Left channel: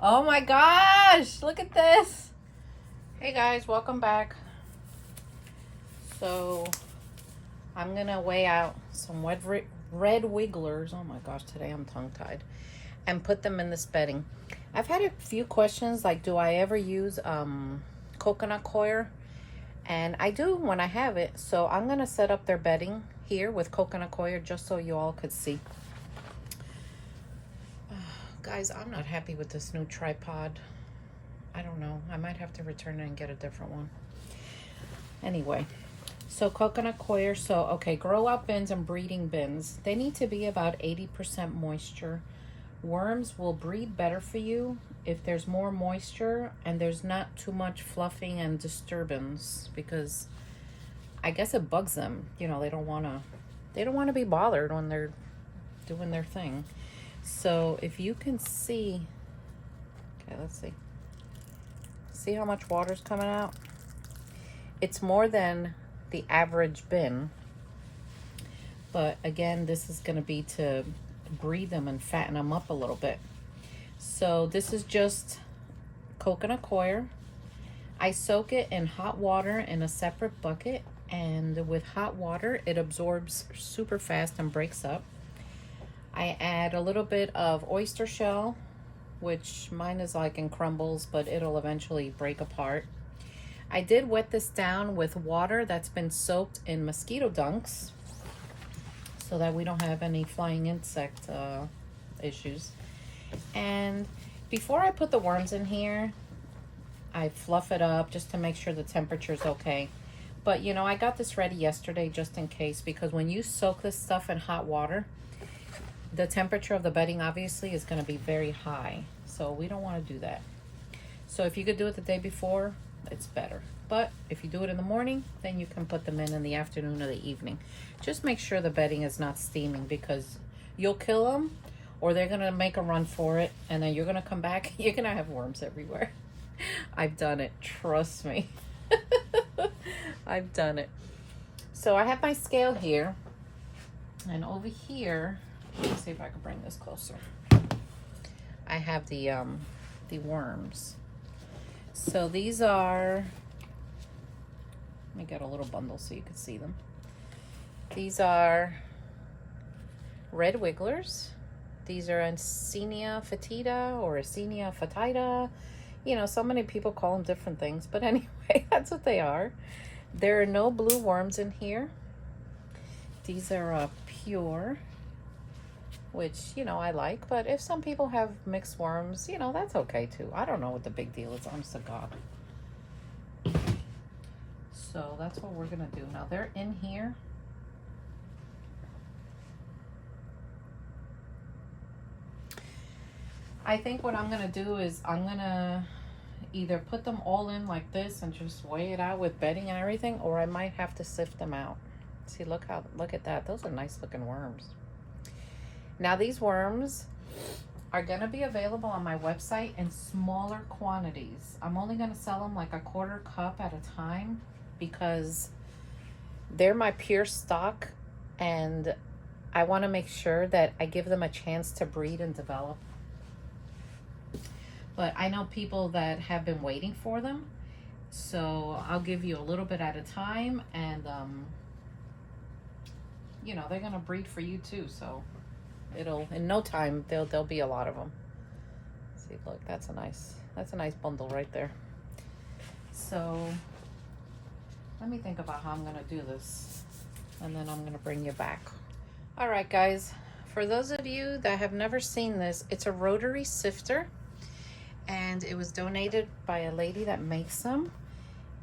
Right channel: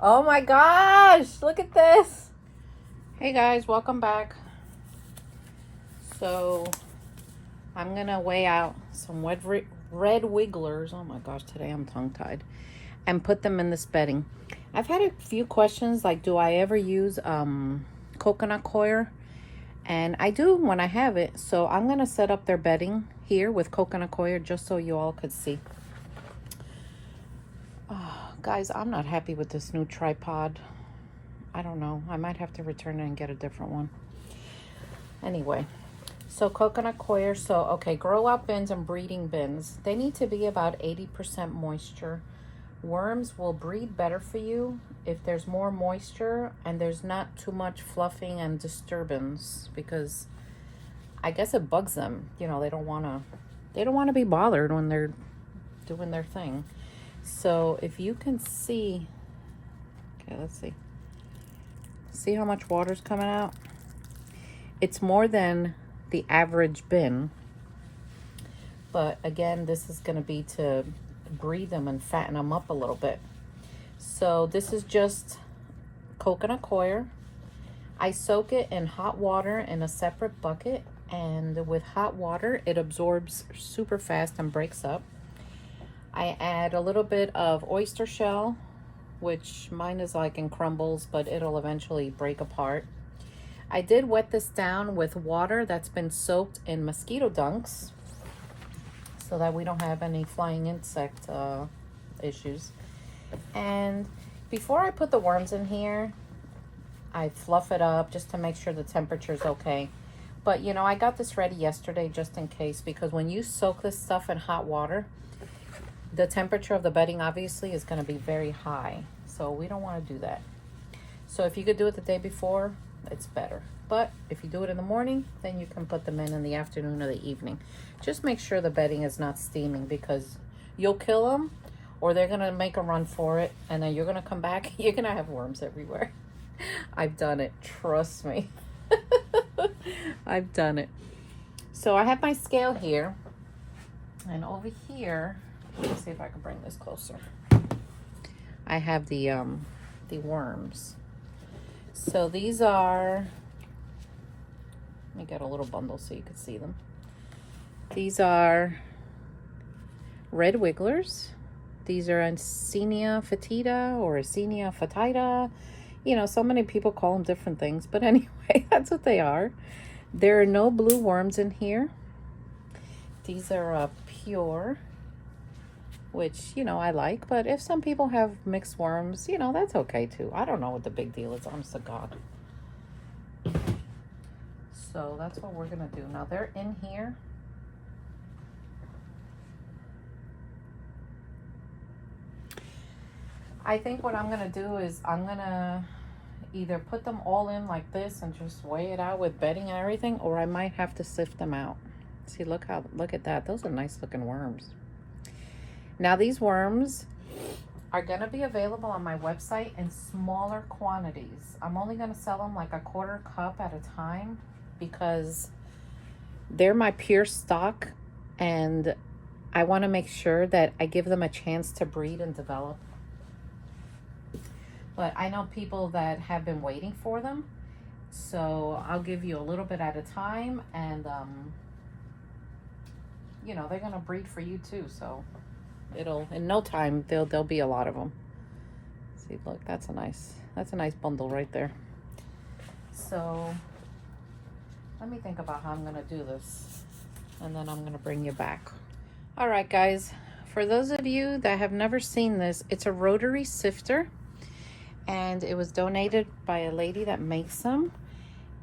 Oh my gosh, look at this. Hey guys, welcome back. So I'm gonna weigh out some red wigglers. Oh my gosh, today I'm tongue-tied. And put them in this bedding. I've had a few questions like, do I ever use coconut coir? And I do when I have it. So I'm gonna set up their bedding here with coconut coir just so you all could see. Guys, I'm not happy with this new tripod. I don't know. I might have to return it and get a different one. Anyway, so coconut coir. So, okay, grow out bins and breeding bins. They need to be about 80% moisture. Worms will breed better for you if there's more moisture and there's not too much fluffing and disturbance, because I guess it bugs them. You know, they don't want to be bothered when they're doing their thing. So if you can see, okay, let's see. See how much water's coming out? It's more than the average bin. But again, this is going to be to breed them and fatten them up a little bit. So this is just coconut coir. I soak it in hot water in a separate bucket, and with hot water it absorbs super fast and breaks up. I add a little bit of oyster shell, which mine is like in crumbles, but it'll eventually break apart. I did wet this down with water that's been soaked in mosquito dunks so that we don't have any flying insect issues. And before I put the worms in here, I fluff it up just to make sure the temperature's okay. But you know, I got this ready yesterday just in case, because when you soak this stuff in hot water, the temperature of the bedding obviously is going to be very high. So we don't want to do that. So if you could do it the day before, it's better. But if you do it in the morning, then you can put them in the afternoon or the evening. Just make sure the bedding is not steaming, because you'll kill them or they're going to make a run for it. And then you're going to come back. You're going to have worms everywhere. I've done it. Trust me. I've done it. So I have my scale here. And over here, let me see if I can bring this closer. I have the worms. So these are, let me get a little bundle so you can see them. These are red wigglers. These are Ancenia fetida or Ancenia fetida. You know, so many people call them different things, but anyway, that's what they are. There are no blue worms in here. These are pure, which, you know, I like. But if some people have mixed worms, you know, that's okay too. I don't know what the big deal is, honest to God. So that's what we're going to do. Now they're in here. I think what I'm going to do is I'm going to either put them all in like this and just weigh it out with bedding and everything, or I might have to sift them out. See, look at that. Those are nice looking worms. Now these worms are going to be available on my website in smaller quantities. I'm only going to sell them like a quarter cup at a time, because they're my pure stock and I want to make sure that I give them a chance to breed and develop. But I know people that have been waiting for them, so I'll give you a little bit at a time, and you know, they're going to breed for you too, so it'll, in no time, there'll be a lot of them. See, look, that's a nice bundle right there. So let me think about how I'm gonna do this, and then I'm gonna bring you back. All right, guys, for those of you that have never seen this, it's a rotary sifter, and it was donated by a lady that makes them.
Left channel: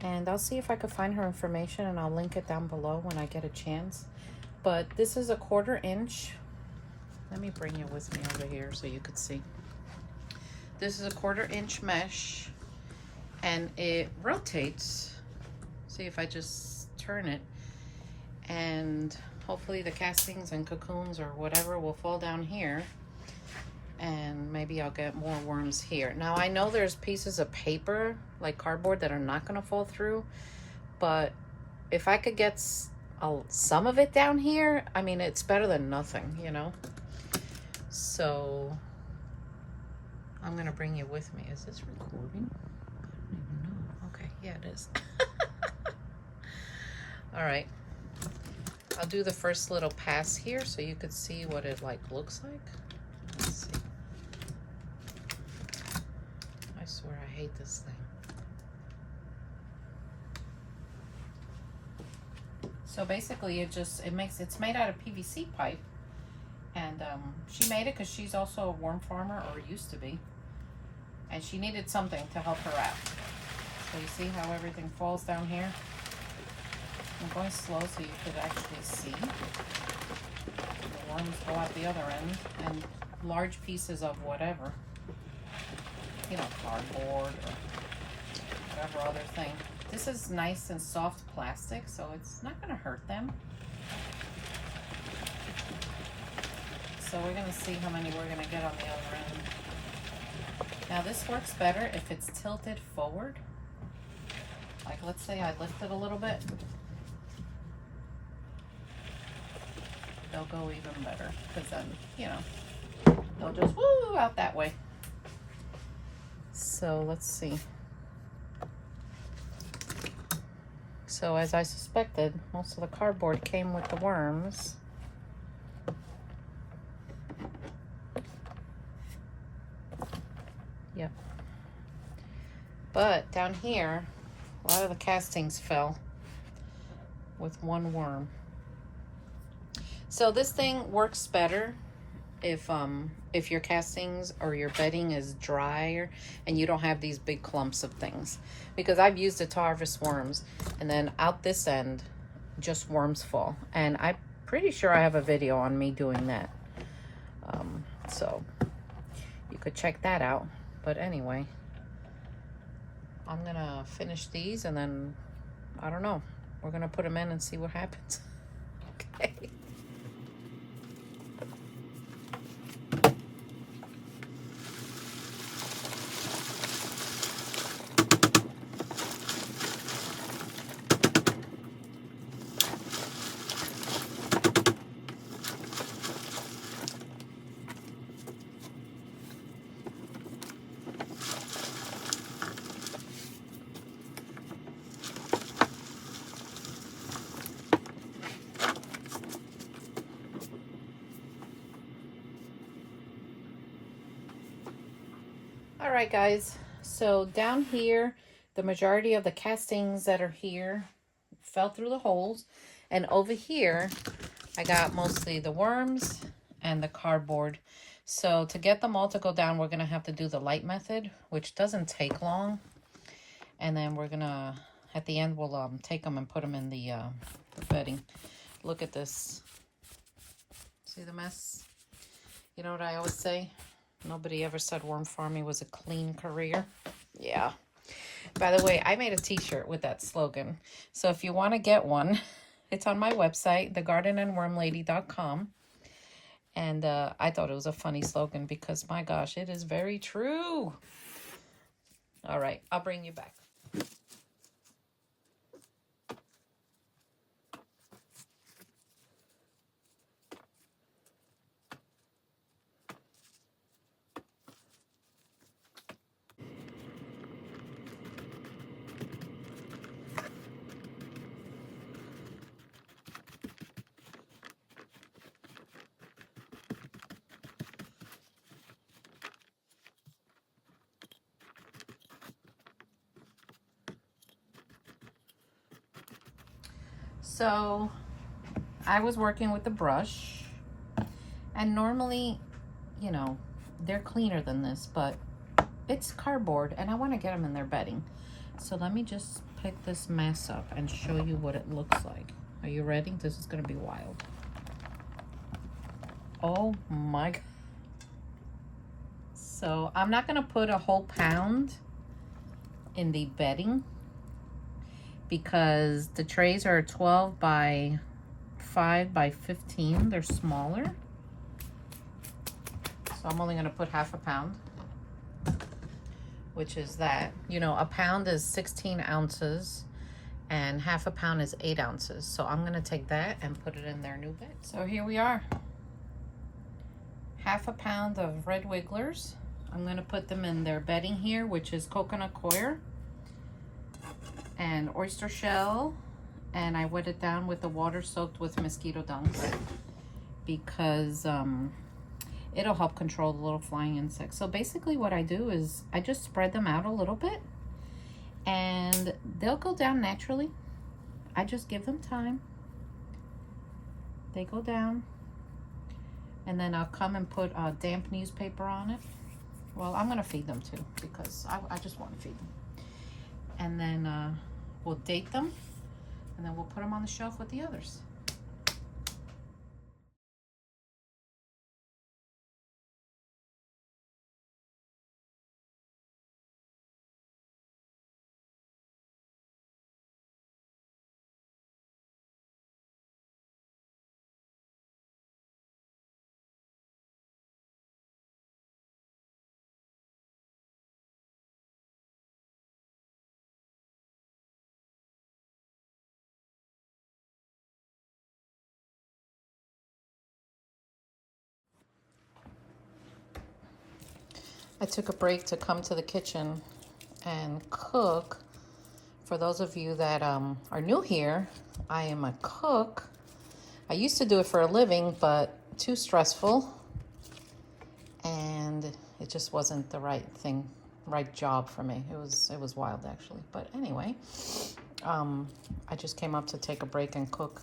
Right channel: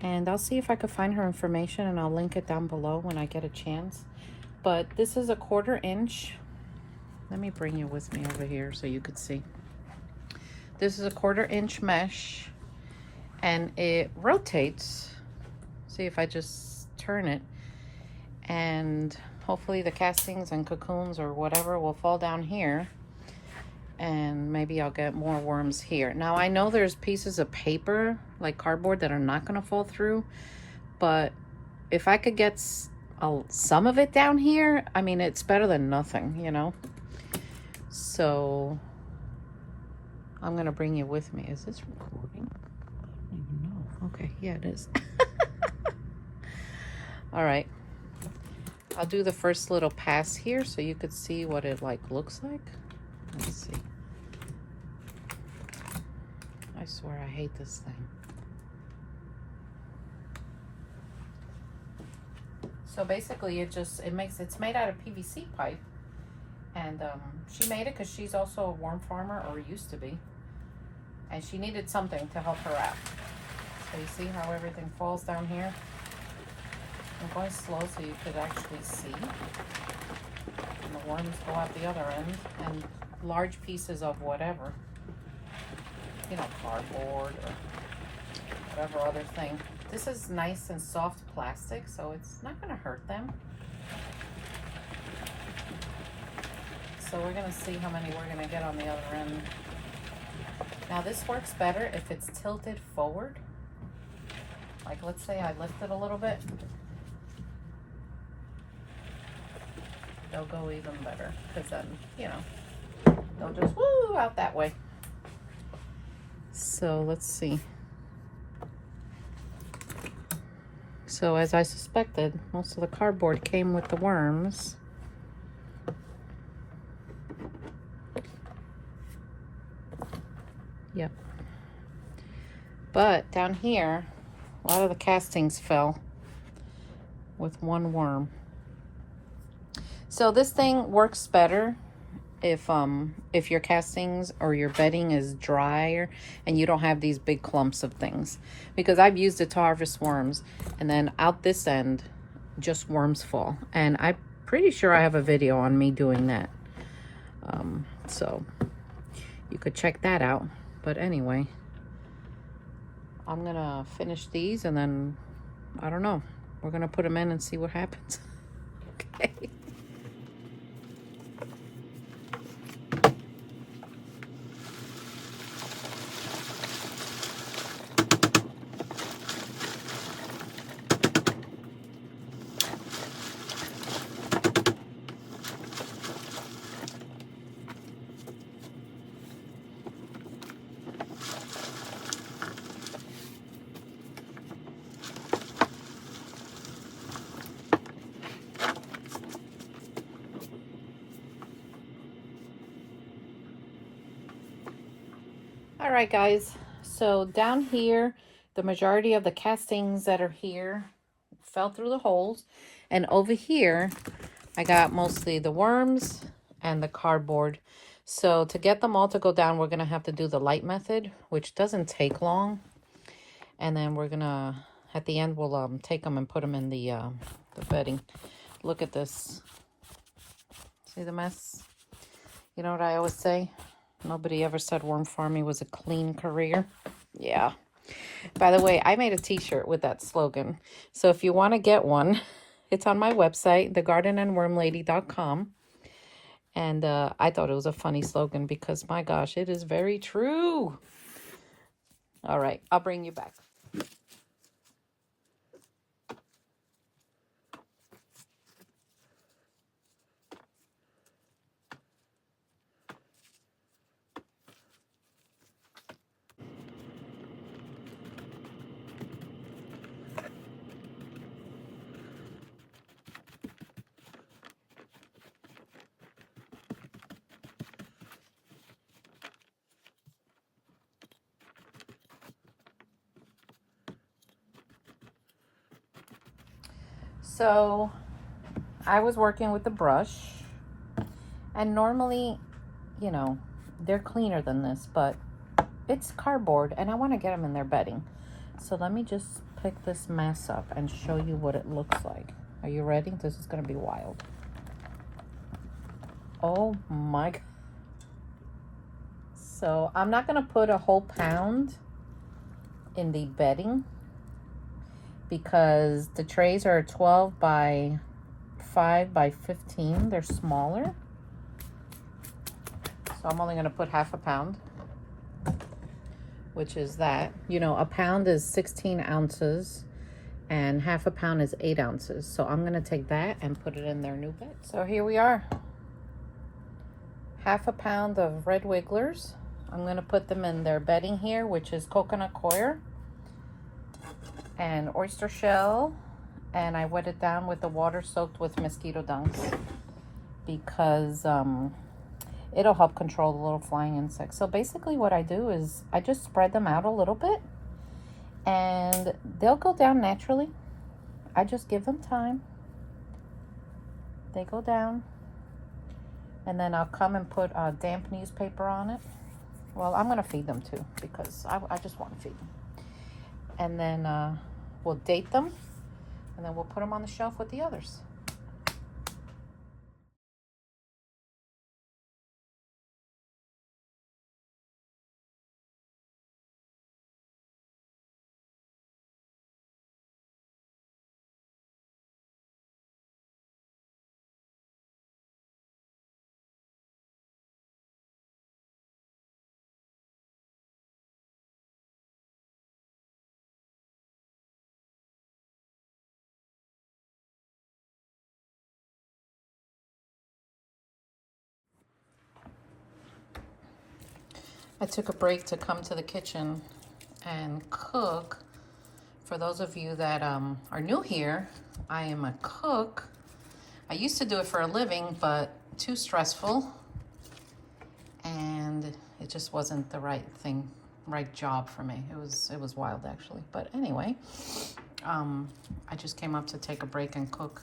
And I'll see if I could find her information, and I'll link it down below when I get a chance. But this is a 1/4 inch. Let me bring you with me over here so you could see. This is a 1/4 inch mesh, and it rotates. See if I just turn it, and hopefully the castings and cocoons or whatever will fall down here, and maybe I'll get more worms here. Now I know there's pieces of paper like cardboard that are not going to fall through, but if I could get some of it down here, I mean, it's better than nothing, you know. So I'm gonna bring you with me. Is this recording? I don't even know. Okay, yeah, it is. All right. I'll do the first little pass here so you could see what it like looks like. Let's see. I swear I hate this thing. So basically it's made out of PVC pipe. And she made it because she's also a worm farmer, or used to be. And she needed something to help her out. So you see how everything falls down here? I'm going slow so you could actually see. And the worms go out the other end. And large pieces of whatever. You know, cardboard or whatever other thing. This is nice and soft plastic, so it's not going to hurt them. So we're going to see how many we're going to get on the other end. Now this works better if it's tilted forward. Like let's say I lift it a little bit. They'll go even better because then, you know, they'll just woo out that way. So let's see. So as I suspected, most of the cardboard came with the worms. Yep. But down here, a lot of the castings fell with one worm. So this thing works better if your castings or your bedding is drier and you don't have these big clumps of things. Because I've used it to harvest worms, and then out this end, just worms fall. And I'm pretty sure I have a video on me doing that. So you could check that out. But anyway, I'm gonna finish these and then, I don't know, we're gonna put them in and see what happens. Okay. All right, guys, so down here, the majority of the castings that are here fell through the holes. And over here, I got mostly the worms and the cardboard. So to get them all to go down, we're going to have to do the light method, which doesn't take long. And then we're going to, at the end, we'll take them and put them in the bedding. Look at this. See the mess? You know what I always say? Nobody ever said worm farming was a clean career. Yeah. By the way, I made a t-shirt with that slogan. So if you want to get one, it's on my website, thegardenandwormlady.com. And I thought it was a funny slogan because, my gosh, it is very true. All right, I'll bring you back. So I was working with the brush, and normally, you know, they're cleaner than this, but it's cardboard and I want to get them in their bedding. So let me just pick this mess up and show you what it looks like. Are you ready? This is going to be wild. Oh my God. So I'm not going to put a whole pound in the bedding because the trays are 12 by 5 by 15. They're smaller. So I'm only going to put half a pound, which is that. You know, a pound is 16 ounces and half a pound is 8 ounces. So I'm going to take that and put it in their new bed. So here we are. Half a pound of red wigglers. I'm going to put them in their bedding here, which is coconut coir and oyster shell. And I wet it down with the water soaked with mosquito dunks because it'll help control the little flying insects. So basically what I do is I just spread them out a little bit and they'll go down naturally. I just give them time. They go down. And then I'll come and put damp newspaper on it. Well, I'm gonna feed them too because I just want to feed them. And then we'll date them and then we'll put them on the shelf with the others. I took a break to come to the kitchen and cook. For those of you that are new here, I am a cook. I used to do it for a living, but too stressful. And it just wasn't the right thing, right job for me. It was wild actually. But anyway, I just came up to take a break and cook.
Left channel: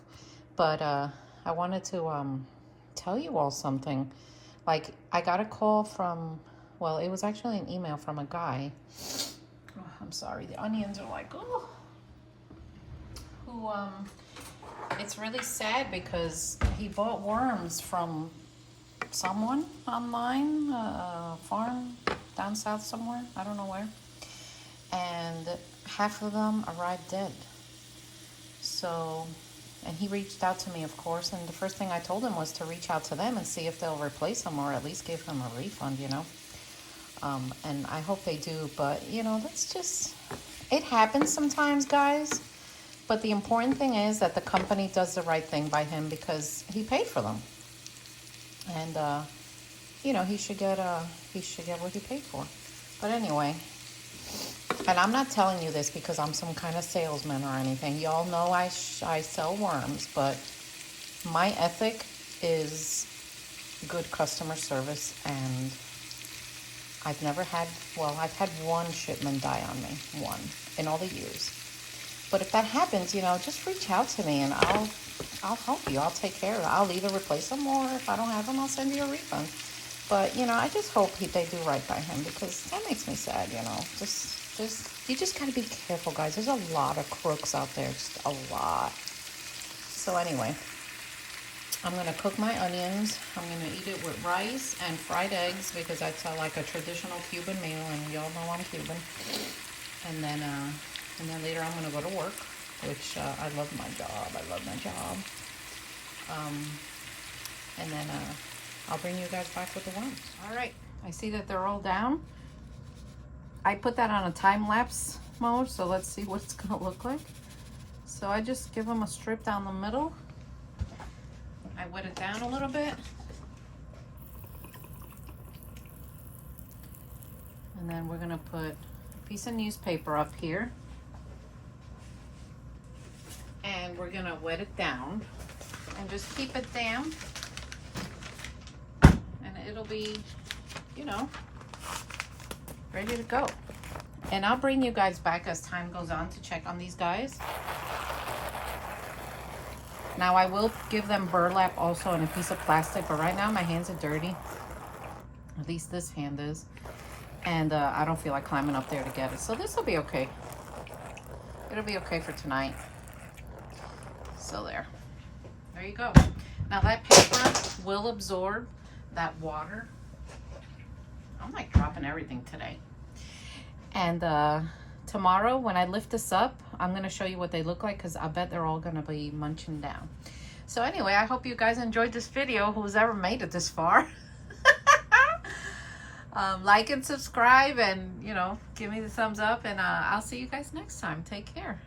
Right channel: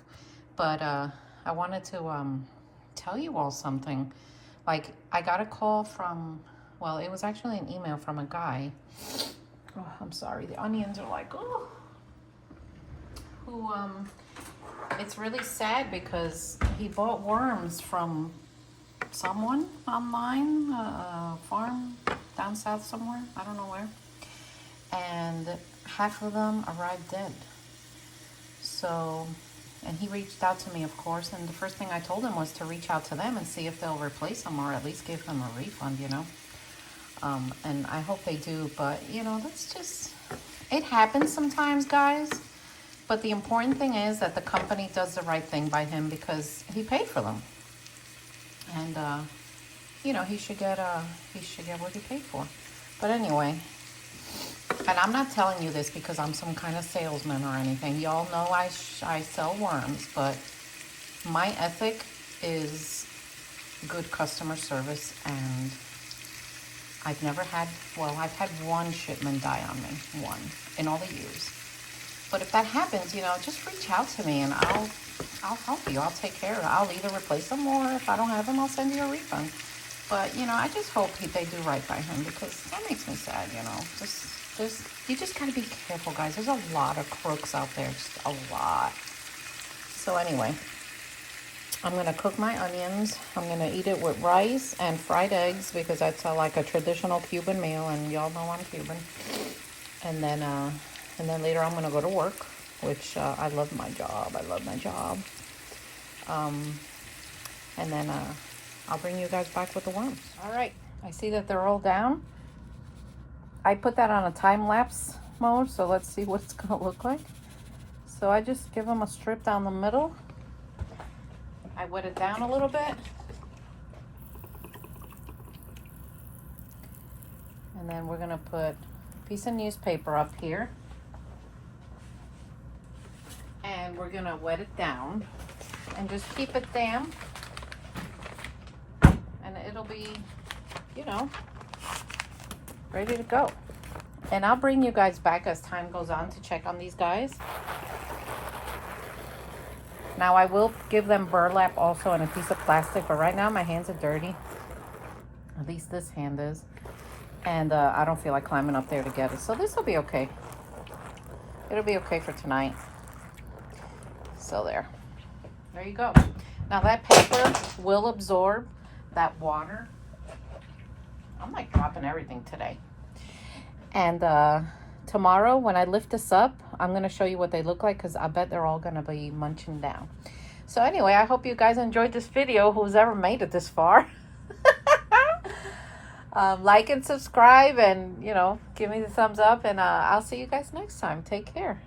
But I wanted to tell you all something. Like, I got a call from, well, it was actually an email from a guy. Oh, I'm sorry, the onions are like, oh. Who, it's really sad because he bought worms from someone online, a farm down south somewhere, I don't know where. And half of them arrived dead. So, and he reached out to me, of course, and the first thing I told him was to reach out to them and see if they'll replace them or at least give them a refund, you know. And I hope they do, but you know, that's just, it happens sometimes, guys. But the important thing is that the company does the right thing by him because he paid for them. And, you know, he should get what he paid for. But anyway, and I'm not telling you this because I'm some kind of salesman or anything. Y'all know I sell worms, but my ethic is good customer service, and I've never had, well, I've had one shipment die on me, one, in all the years. But if that happens, you know, just reach out to me and I'll help you. I'll take care of it. I'll either replace them, or if I don't have them, I'll send you a refund. But, you know, I just hope they do right by him because that makes me sad, you know. You just got to be careful, guys. There's a lot of crooks out there, just a lot. So anyway, I'm going to cook my onions. I'm going to eat it with rice and fried eggs because that's like a traditional Cuban meal, and y'all know I'm Cuban. And then later I'm going to go to work, which I love my job. I love my job. And then I'll bring you guys back with the worms. All right. I see that they're all down. I put that on a time-lapse mode, so let's see what it's going to look like. So I just give them a strip down the middle. I wet it down a little bit. And then we're going to put a piece of newspaper up here. And we're going to wet it down and just keep it damp. And it'll be, you know, ready to go. And I'll bring you guys back as time goes on to check on these guys. Now I will give them burlap also on a piece of plastic, but right now my hands are dirty. At least this hand is. And I don't feel like climbing up there to get it. So this will be okay. It'll be okay for tonight. So there you go. Now that paper will absorb that water. I'm like dropping everything today. And tomorrow when I lift this up, I'm going to show you what they look like because I bet they're all going to be munching down. So anyway, I hope you guys enjoyed this video, who's ever made it this far. Like and subscribe and, you know, give me the thumbs up, and I'll see you guys next time. Take care.